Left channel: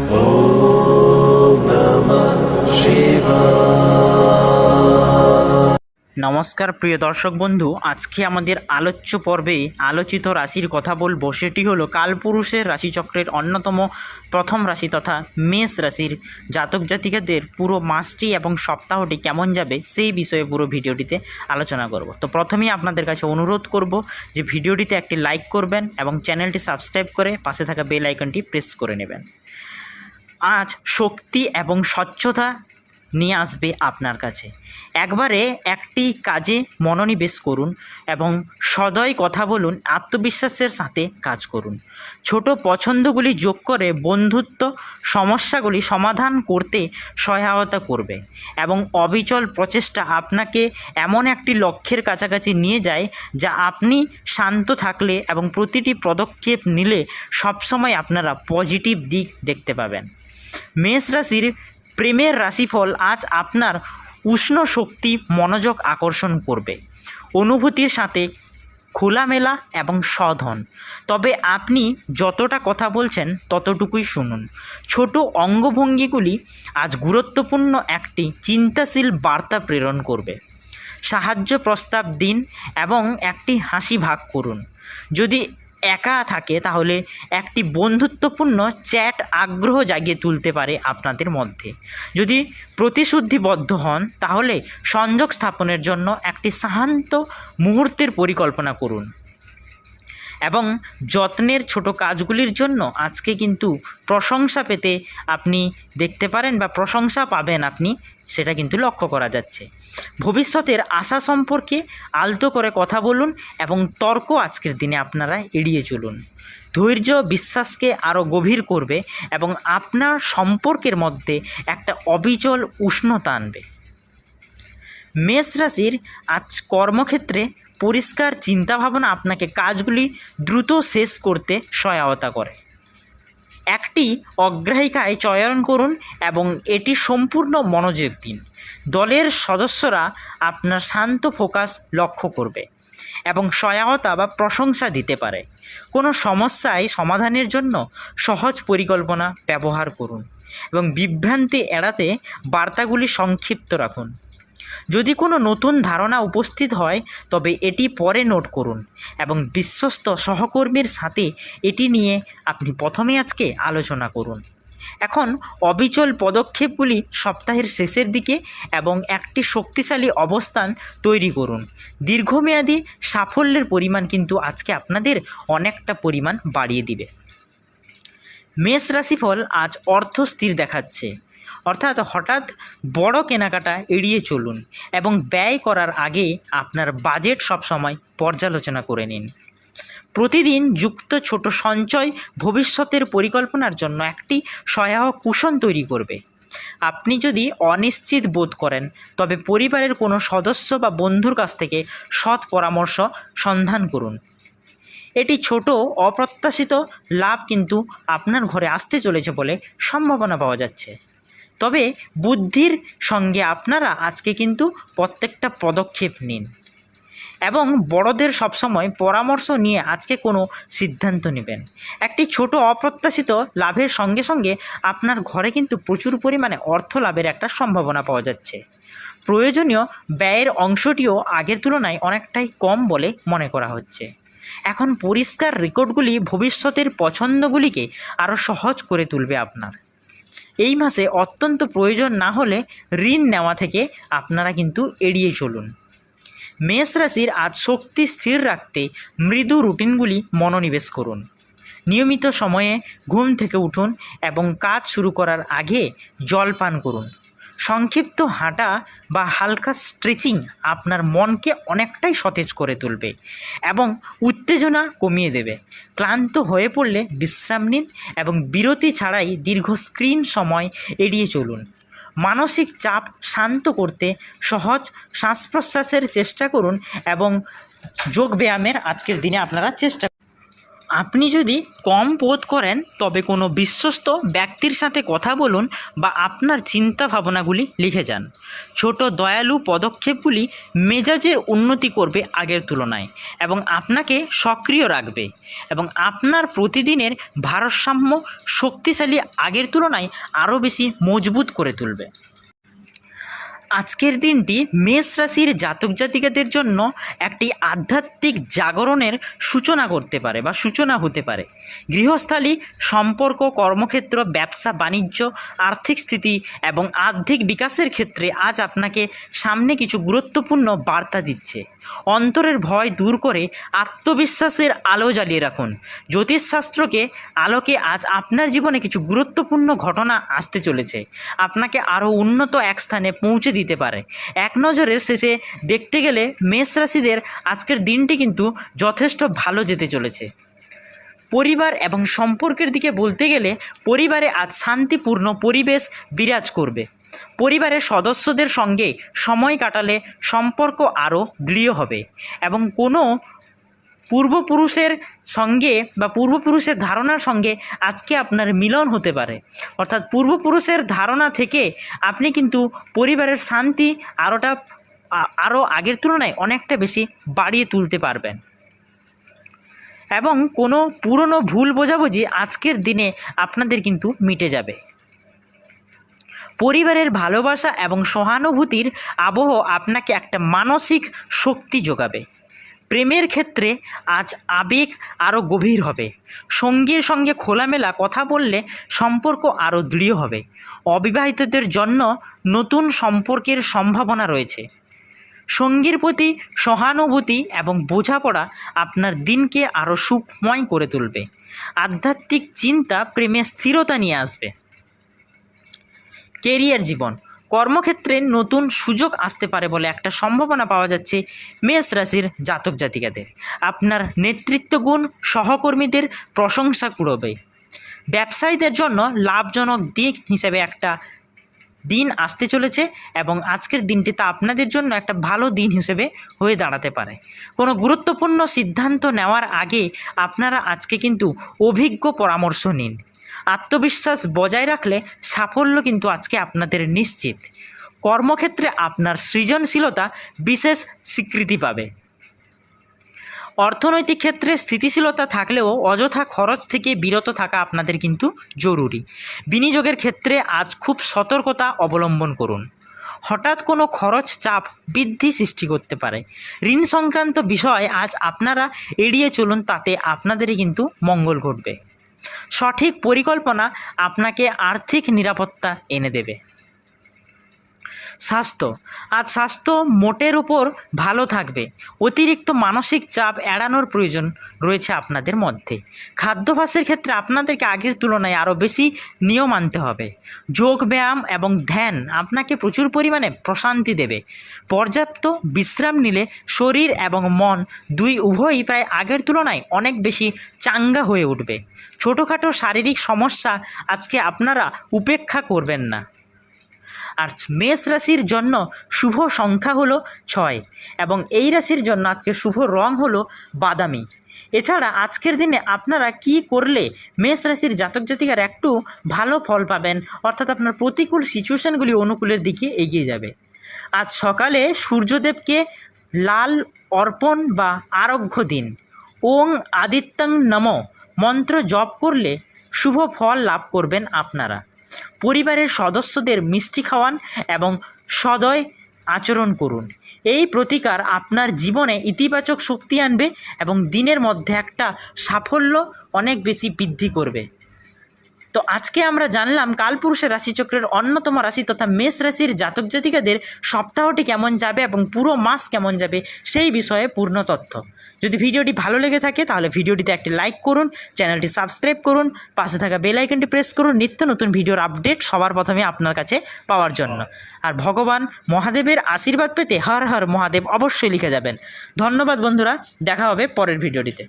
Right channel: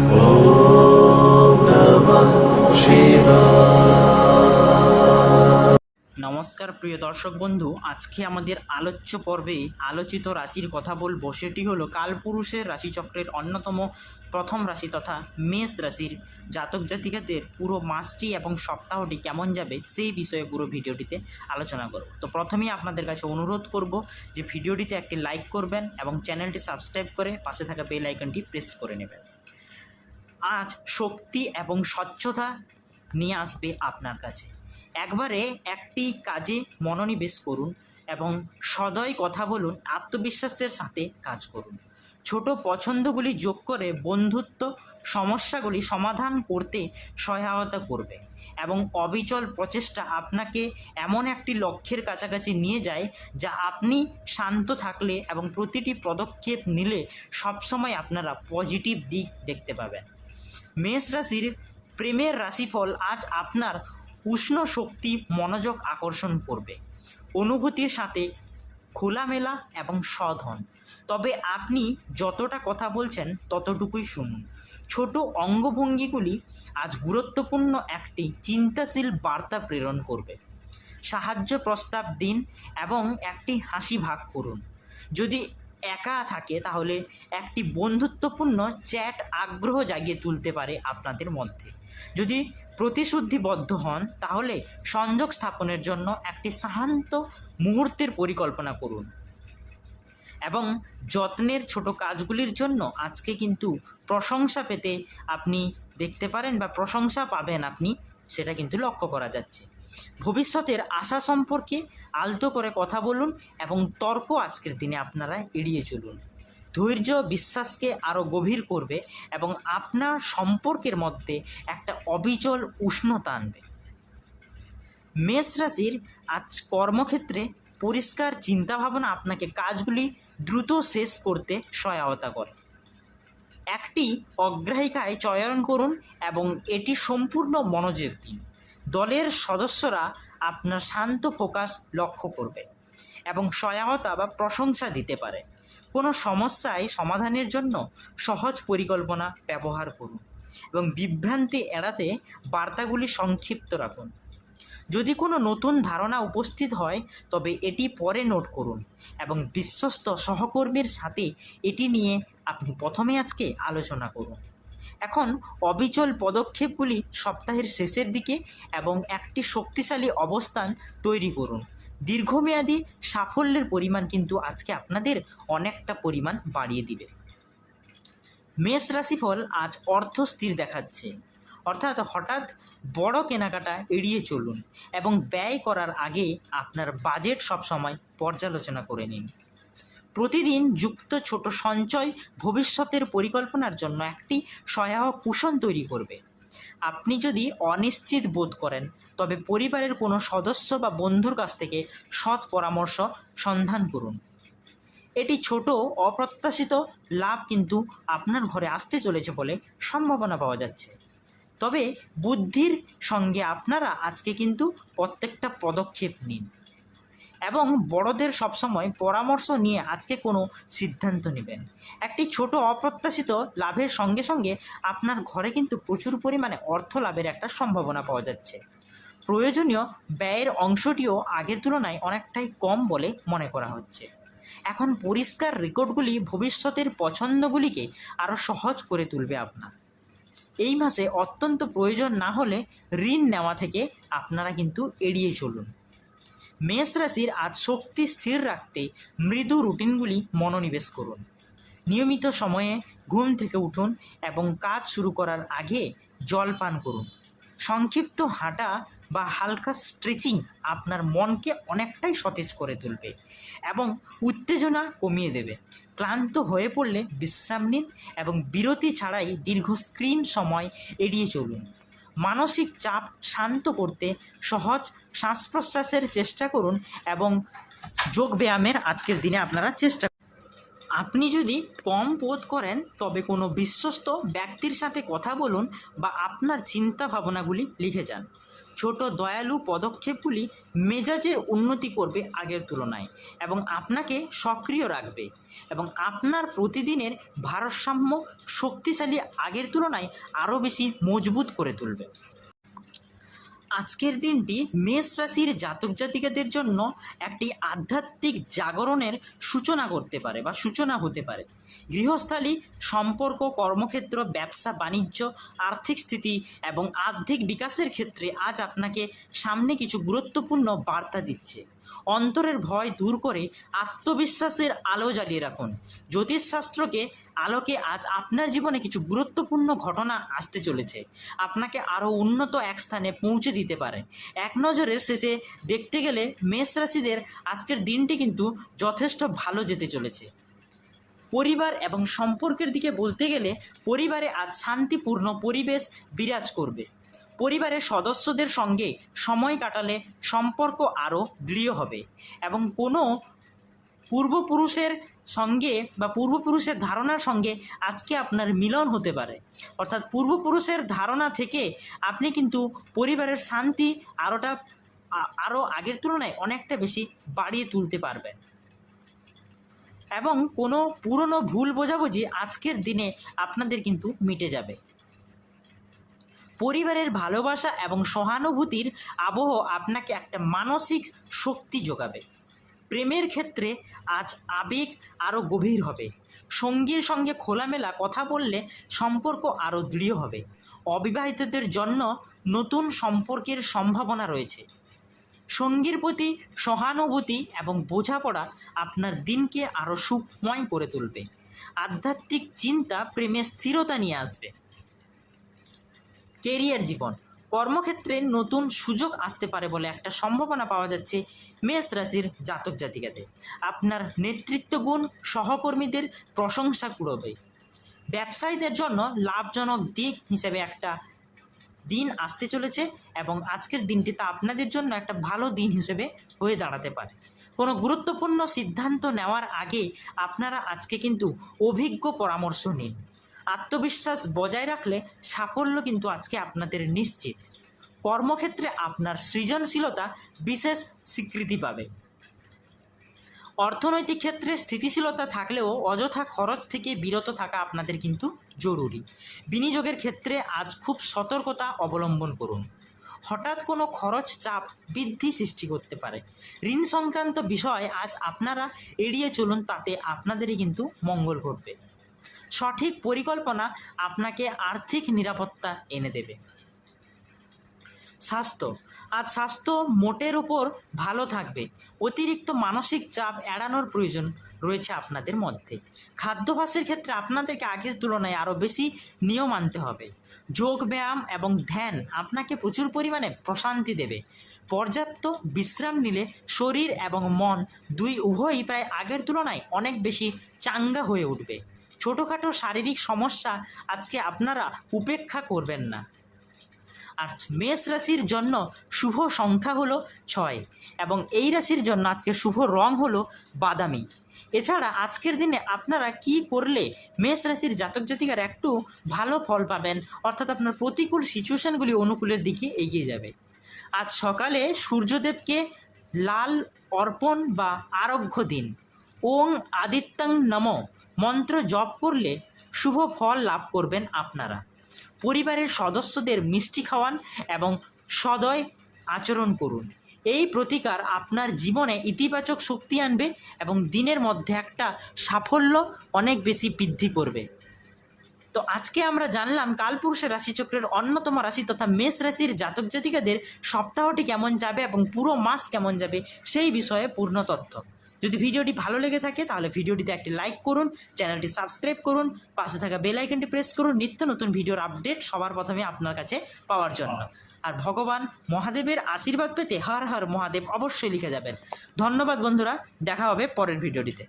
ॐ नमः शिवाय। নমস্কার প্রিয় দর্শক বন্ধু, আজকে আমাদের আলোচ্য পর্বে আলোচিত রাশির কথা বলবো। সেটি হলো কালপুরুষের রাশিচক্রের অন্যতম প্রথম রাশি তথা মেষ রাশির জাতক জাতিকাদের পুরো মাসটি এবং সপ্তাহটি কেমন যাবে সেই বিষয়ে পুরো ভিডিওটিতে আলোচনা করব। তো প্রথমেই আপনাদের কাছে অনুরোধ করব যে ভিডিওটিতে একটি লাইক করবেন এবং চ্যানেলটি সাবস্ক্রাইব করে পাশে থাকা বেল আইকনটি প্রেস করে নেবেন। আজ শক্তি এবং স্বচ্ছতা নিয়ে আসবে আপনার কাছে। একবারে একটি কাজে মনোনিবেশ করুন এবং সদয় কথা বলুন, আত্মবিশ্বাসের সাথে কাজ করুন। ছোট পছন্দগুলি যোগ করে বন্ধুত্ব সমস্যাগুলি সমাধান করতে সহায়তা করবে এবং অবিচল প্রচেষ্টা আপনাকে এমন একটি লক্ষ্যের কাছাকাছি নিয়ে যায় যা আপনি শান্ত থাকলে এবং প্রতিটি পদক্ষেপ নিলে সবসময় আপনারা পজিটিভ দিক দেখতে পাবেন। মেষ রাশির প্রেমের রাশিফল আজ আপনার উষ্ণ শক্তি মনোযোগ আকর্ষণ করবে, অনুভূতির সাথে খোলামেলা এবং সৎ হন। তবে আপনি যতটা কথা বলছেন ততটুকুই শুনুন। ছোট অঙ্গভঙ্গিগুলি আজ গুরুত্বপূর্ণ একটি চিন্তাশীল বার্তা প্রেরণ করবে। সাহায্য প্রস্তাব দিন এবং একটি হাসি ভাগ করুন। যদি একা থাকে তাহলে একটি বন্ধুত্বপূর্ণ চ্যাট আগ্রহ জাগিয়ে তুলতে পারে আপনাদের মধ্যে। যদি প্রতিশ্রুতিবদ্ধ হন তাহলে সংযোগ স্থাপনের জন্য একটি শান্ত মুহূর্তের পরিকল্পনা করুন এবং যত্নের ছোট কাজগুলির জন্য আজকে কিন্তু প্রশংসা পেতে আপনি দেখতে পারেন বা প্রশংসা পাবেন আপনি, সেটা কিন্তু লক্ষ্য করা যাচ্ছে। ভবিষ্যতের আশা সম্পর্কে আলতো করে কথা বলুন এবং তর্ক আজকের দিনে আপনারা এড়িয়ে চলুন। ধৈর্য বিশ্বাসকে আরও গভীর করবে এবং আপনার সম্পর্কের মধ্যে একটা অবিচল উষ্ণতা আনবে। মেষ রাশির আজ কর্মক্ষেত্রে পরিষ্কার চিন্তাভাবনা আপনাকে কাজগুলি দ্রুত শেষ করতে সহায়তা করে। একটি অগ্রাধিকার চয়ন করুন এবং এটি সম্পূর্ণ মনোযোগ দিন। দলের সদস্যরা আপনার শান্ত ফোকাস লক্ষ্য করবে এবং সহায়তা বা প্রশংসা দিতে পারে। কোনো সমস্যায় সমাধানের জন্য সহজ পরিকল্পনা ব্যবহার করুন এবং বিভ্রান্তি এড়াতে বার্তাগুলি সংক্ষিপ্ত রাখুন। যদি কোনো নতুন ধারণা উপস্থিত হয় তবে এটি পরে নোট করুন এবং বিশ্বস্ত সহকর্মীর সাথে এটি নিয়ে আপনি প্রথমে আজকে আলোচনা করুন। এখন অবিচল পদক্ষেপগুলি সপ্তাহের শেষের দিকে এবং একটি শক্তিশালী অবস্থান তৈরি করুন। দীর্ঘমেয়াদী সাফল্যের পরিমাণ কিন্তু আজকে আপনাদের অনেকটা পরিমাণ বাড়িয়ে দিবে। মেষ রাশিফল আজ অর্থ স্থির দেখাচ্ছে, অর্থাৎ হঠাৎ বড় কেনাকাটা এড়িয়ে চলুন এবং ব্যয় করার আগে আপনার বাজেট সবসময় পর্যালোচনা করে নিন। প্রতিদিন যুক্ত ছোট সঞ্চয় ভবিষ্যতের পরিকল্পনার জন্য একটি সহায়ক কুশন তৈরি করবে। আপনি যদি অনিশ্চিত বোধ করেন তবে পরিবারের কোনো সদস্য বা বন্ধুর কাছ থেকে সৎ পরামর্শ সন্ধান করুন। এটি ছোট অপ্রত্যাশিত লাভ কিন্তু আপনার ঘরে আসতে চলেছে বলে সম্ভাবনা পাওয়া যাচ্ছে। তবে বুদ্ধির সঙ্গে আপনারা আজকে কিন্তু প্রত্যেকটা পদক্ষেপ নিন এবং বড়দের সবসময় পরামর্শ নিয়ে আজকে কোনো সিদ্ধান্ত নেবেন। একটি ছোট অপ্রত্যাশিত লাভের সঙ্গে সঙ্গে আপনার ঘরে কিন্তু প্রচুর পরিমাণে অর্থ লাভের একটা সম্ভাবনা পাওয়া যাচ্ছে। প্রয়োজনীয় ব্যয়ের অংশটিও আগের তুলনায় অনেকটাই কম বলে মনে করা হচ্ছে। এখন পরিষ্কার রেকর্ডগুলি ভবিষ্যতের পছন্দগুলিকে আরও সহজ করে তুলবে আপনার। এই মাসে অত্যন্ত প্রয়োজন না হলে ঋণ নেওয়া থেকে আপনারা কিন্তু এড়িয়ে চলুন। মেষ রাশির আজ শক্তি স্থির রাখতে মৃদু রুটিনগুলি মনোনিবেশ করুন। নিয়মিত সময়ে ঘুম থেকে উঠুন এবং কাজ শুরু করার আগে জল পান করুন। সংক্ষিপ্ত হাঁটা বা হালকা স্ট্রেচিং আপনার মনকে অনেকটাই সতেজ করে তুলবে এবং উত্তেজনা কমিয়ে দেবে। ক্লান্ত হয়ে পড়লে বিশ্রাম নিন এবং বিরতি ছাড়াই দীর্ঘ স্ক্রিন সময় এড়িয়ে চলুন। মানসিক চাপ শান্ত করতে সহজ শ্বাস প্রশ্বাসের চেষ্টা করুন এবং যোগ ব্যায়ামের আজকের দিনে আপনারা চেষ্টা আপনি যদি কম বোধ করেন তবে কোনো বিশ্বস্ত ব্যক্তির সাথে কথা বলুন বা আপনার চিন্তা ভাবনাগুলি লিখে যান। ছোট দয়ালু পদক্ষেপগুলি মেজাজের উন্নতি করবে আগের তুলনায় এবং আপনাকে সক্রিয় রাখবে এবং আপনার প্রতিদিনের ভারসাম্য শক্তিশালী আগের তুলনায় আরও বেশি মজবুত করে তুলবে। আজকের দিনটি মেষ রাশির জাতক জাতিকাদের জন্য একটি আধ্যাত্মিক জাগরণের সূচনা করতে পারে বা সূচনা হতে পারে। গৃহস্থালী, সম্পর্ক, কর্মক্ষেত্র, ব্যবসা বাণিজ্য, আর্থিক স্থিতি এবং আর্থিক বিকাশের ক্ষেত্রে আজ আপনাকে সামনে কিছু গুরুত্বপূর্ণ বার্তা দিচ্ছে। অন্তরের ভয় দূর করে আত্মবিশ্বাসের আলো জ্বালিয়ে রাখুন। জ্যোতিষশাস্ত্রকে আলোকে আজ আপনার জীবনে কিছু গুরুত্বপূর্ণ ঘটনা আসতে চলেছে, আপনাকে আরও উন্নত এক স্থানে পৌঁছে দিতে পারে। এক নজরের শেষে দেখতে গেলে মেষ রাশিদের আজকের দিনটি কিন্তু যথেষ্ট ভালো যেতে চলেছে। পরিবার এবং সম্পর্কের দিকে বলতে গেলে পরিবারে আজ শান্তিপূর্ণ পরিবেশ বিরাজ করবে। পরিবারের সদস্যদের সঙ্গে সময় কাটালে সম্পর্ক আরও দৃঢ় হবে এবং কোনো পূর্বপুরুষের সঙ্গে বা পূর্বপুরুষের ধারণার সঙ্গে আজকে আপনার মিলন হতে পারে। অর্থাৎ পূর্বপুরুষের ধারণা থেকে আপনি কিন্তু পরিবারের শান্তি আরও আগের তুলনায় অনেকটা বেশি বাড়িয়ে তুলতে পারবেন এবং কোনো পুরনো ভুল বোঝাবুঝি আজকের দিনে আপনাদের কিন্তু মিটে যাবে। পরিবারের ভালোবাসা এবং সহানুভূতির আবহ আপনাকে একটা মানসিক শক্তি যোগাবে। প্রেমের ক্ষেত্রে আজ আবেগ আরও গভীর হবে। সঙ্গীর সঙ্গে খোলামেলা কথা বললে সম্পর্ক আরও দৃঢ় হবে। অবিবাহিতদের জন্য নতুন সম্পর্কের সম্ভাবনা রয়েছে। সঙ্গীর প্রতি সহানুভূতি এবং বোঝাপড়া আপনার দিনকে আরও সুখময় করে তুলবে। আধ্যাত্মিক চিন্তা প্রেমে স্থিরতা নিয়ে আসবে। কেরিয়ার জীবন, কর্মক্ষেত্রে নতুন সুযোগ আসতে পারে বলে একটা সম্ভাবনা পাওয়া যাচ্ছে মেষ রাশির জাতক জাতিকাদের। আপনার নেতৃত্ব গুণ সহকর্মীদের প্রশংসা কুড়াবে। ব্যবসায়ীদের জন্য লাভজনক দিক হিসেবে একটা দিন আসতে চলেছে এবং আজকের দিনটি তা আপনাদের জন্য একটা ভালো দিন হিসেবে হয়ে দাঁড়াতে পারে। কোনো গুরুত্বপূর্ণ সিদ্ধান্ত নেওয়ার আগে আপনারা আজকে কিন্তু অভিজ্ঞ পরামর্শ নিন। আত্মবিশ্বাস বজায় রাখলে সাফল্য কিন্তু আজকে আপনাদের নিশ্চিত। কর্মক্ষেত্রে আপনার সৃজনশীলতা বিশেষ স্বীকৃতি পাবে। অর্থনৈতিক ক্ষেত্রে স্থিতিশীলতা থাকলেও অযথা খরচ থেকে বিরত থাকা আপনাদের কিন্তু জরুরি। বিনিয়োগের ক্ষেত্রে আজ খুব সতর্কতা অবলম্বন করুন। হঠাৎ কোনো খরচ চাপ বৃদ্ধি সৃষ্টি করতে পারে। ঋণ সংক্রান্ত বিষয় আজ আপনারা এড়িয়ে চলুন, তাতে আপনাদেরই কিন্তু মঙ্গল ঘটবে। সঠিক পরিকল্পনা আপনাকে আর্থিক নিরাপত্তা এনে দেবে। স্বাস্থ্য, আজ স্বাস্থ্য মোটের উপর ভালো থাকবে। অতিরিক্ত মানসিক চাপ এড়ানোর প্রয়োজন রয়েছে আপনাদের মধ্যে। খাদ্যাভ্যাসের ক্ষেত্রে আপনাদেরকে আগের তুলনায় আরও বেশি নিয়ম মানতে হবে। যোগ ব্যায়াম এবং ধ্যান আপনাকে প্রচুর পরিমাণে প্রশান্তি দেবে। পর্যাপ্ত বিশ্রাম নিলে শরীর এবং মন উভয়ই প্রায় আগের তুলনায় অনেক বেশি চাঙ্গা হয়ে উঠবে। ছোটোখাটো শারীরিক সমস্যা আজকে আপনারা উপেক্ষা করবেন না। আর মেষ রাশির জন্য শুভ সংখ্যা হলো 6 এবং এই রাশির জন্য আজকে শুভ রং হলো বাদামি। এছাড়া আজকের দিনে আপনারা কি করলে মেষ রাশির জাতক জাতিকার একটু ভালো ফল পাবেন, অর্থাৎ আপনার প্রতিকূল সিচুয়েশানগুলি অনুকূলের দিকে এগিয়ে যাবে। আজ সকালে সূর্যদেবকে লাল অর্পণ বা আরঘ্য দিন। ওং আদিত্যং নমঃ মন্ত্র জপ করলে শুভ ফল লাভ করবেন আপনারা। পরিবারের সদস্যদের মিষ্টি খাওয়ান এবং সদয় আচরণ করুন। এই প্রতিকার আপনার জীবনে ইতিবাচক শক্তি আনবে এবং দিনের মধ্যে একটা সাফল্য অনেক বেশি বৃদ্ধি করবে। তো আজকে আমরা জানলাম কালপুরুষের রাশিচক্রের অন্যতম রাশি তথা মেষ রাশির জাতক জাতিকাদের সপ্তাহটি কেমন যাবে এবং পুরো মাস কেমন যাবে সেই বিষয়ে পূর্ণ তথ্য। যদি ভিডিওটি ভালো লেগে থাকে তাহলে ভিডিওটিতে একটি লাইক করুন, চ্যানেলটি সাবস্ক্রাইব করুন, পাশে থাকা বেল আইকনটি প্রেস করুন নিত্য নতুন ভিডিওর আপডেট সবার প্রথমে আপনার কাছে পাওয়ার জন্য। আর ভগবান মহাদেবের আশীর্বাদ পেতে হর হর মহাদেব অবশ্যই লিখে যাবেন। ধন্যবাদ বন্ধুরা, দেখা হবে পরের ভিডিওটিতে।